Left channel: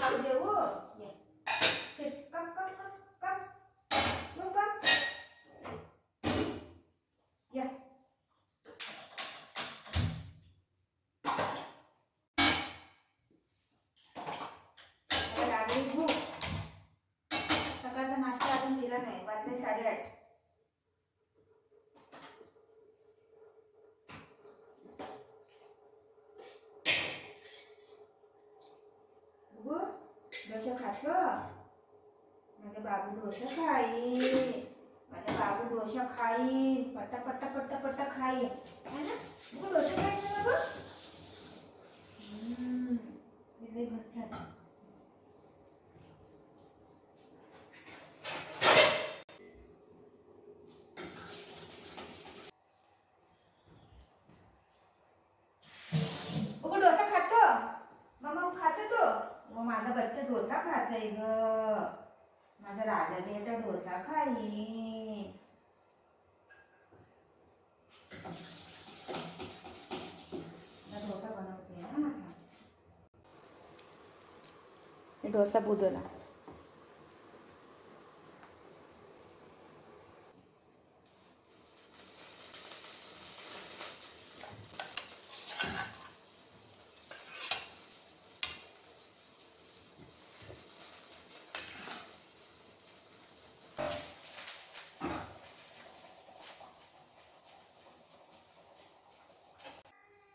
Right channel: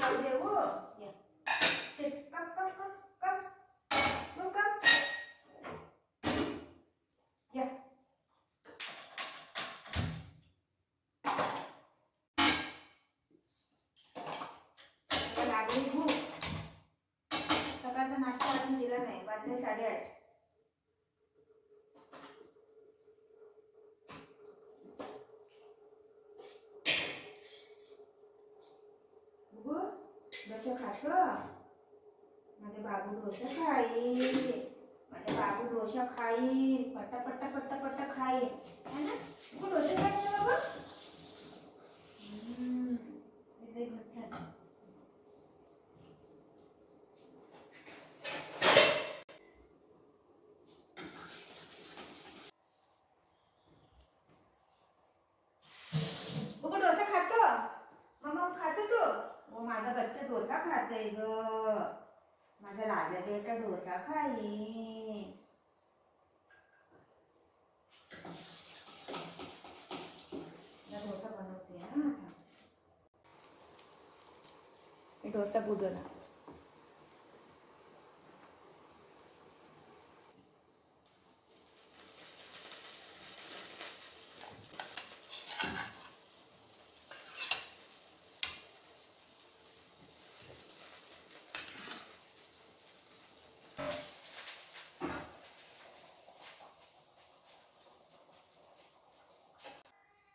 खाऊ दे वो. ये कम कम कम कम मग कम या. लागली भूक. सकाळचा नाश्ता अजून दिला नाही. वाजले 8:30. डोसा खातो. माझे बाबू डोसा खाई. माझे बाबू डोसा खाई. पट्टा पट्टा पट्टा पट्टा खाई है ना. तू डोसा खाई ना बाबू. इसे घट खाते. तू डोसा खातो. मम्मा खातो तू. माझा बच्चा डोसा खाते ग. माझा राजा बेटा डोसा खाई. डोसा बनवते ना. डोसा बुजवला.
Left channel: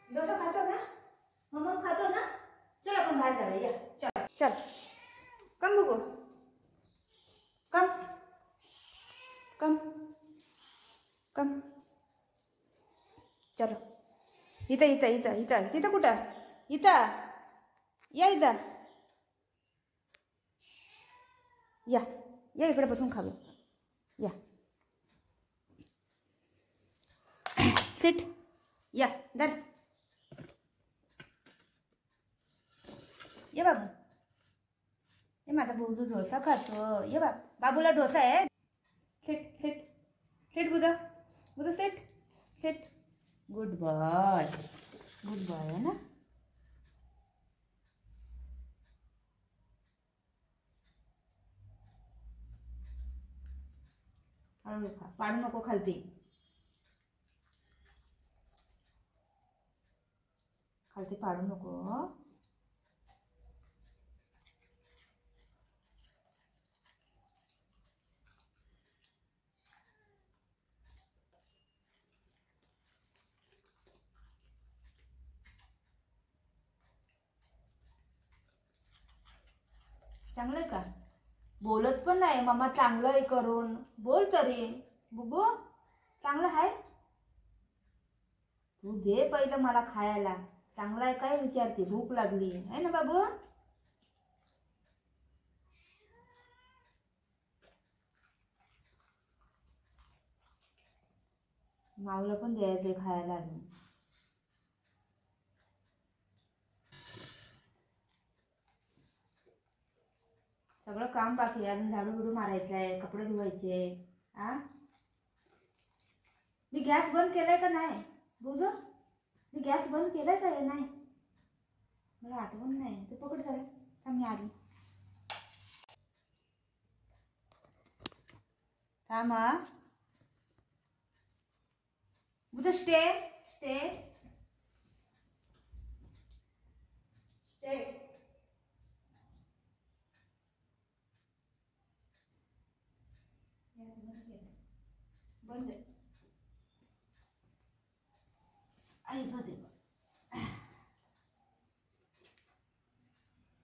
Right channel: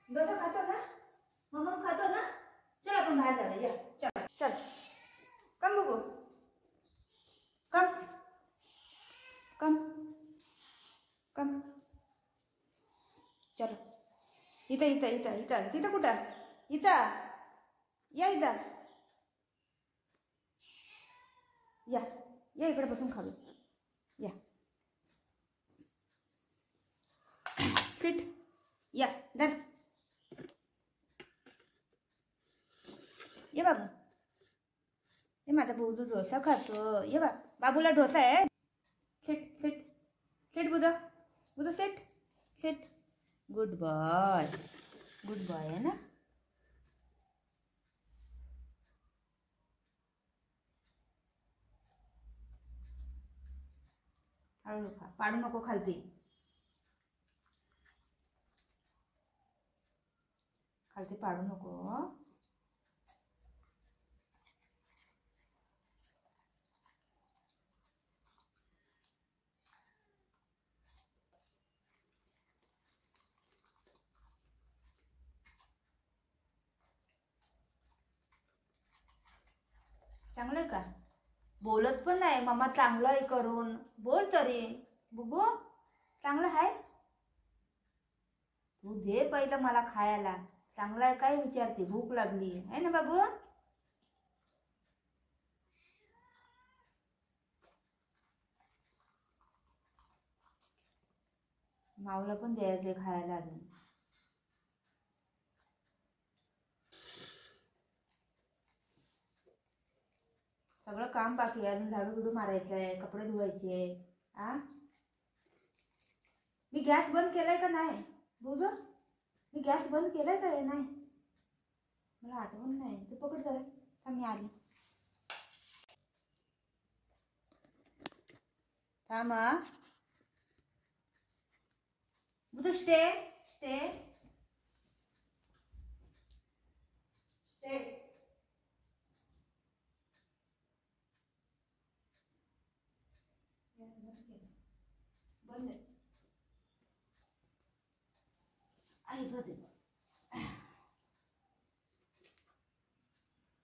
डोसा खातो ना. मम्मा खातो ना. चल आपण बाहेर जाऊया. या चल चल. कम बघू. कम कम कम. चलो. इथं इथं इथं इथं तिथं कुठं. इथं या. इथं या. या इकडे बसून खाऊ. या सिट. या धर. ये बाबू. ये माझा बुजू डोसा खातो. ये बाबूला डोसा आहे. सिट सिट सिट बुजा. बुजा sit sit. Good boy. Good boy है ना. हळू खा. पाडू नको खालती. खालती पाडू नको. चांगलं का. बोलत पण नाही. मामा चांगलं आहे करून बोल तरी. बुबू चांगलं आहे. तू दे पहिलं मला खायला. चांगलं आहे काय विचारते. भूक लागली आहे ना बाबू. माऊला पण द्यायचं खायला अजून. सगळं काम बाकी आहे. अजून झाडू बिडू मारायचं आहे. कपडे धुवायचे. मी गॅस बंद केलाय का नाही बुजू. मी गॅस बंद केलाय का नाही. मला आठवण नाही. तू पकड जरा. थांब मी आली. थांब बुजू. Stay stay stay. बंद आहे.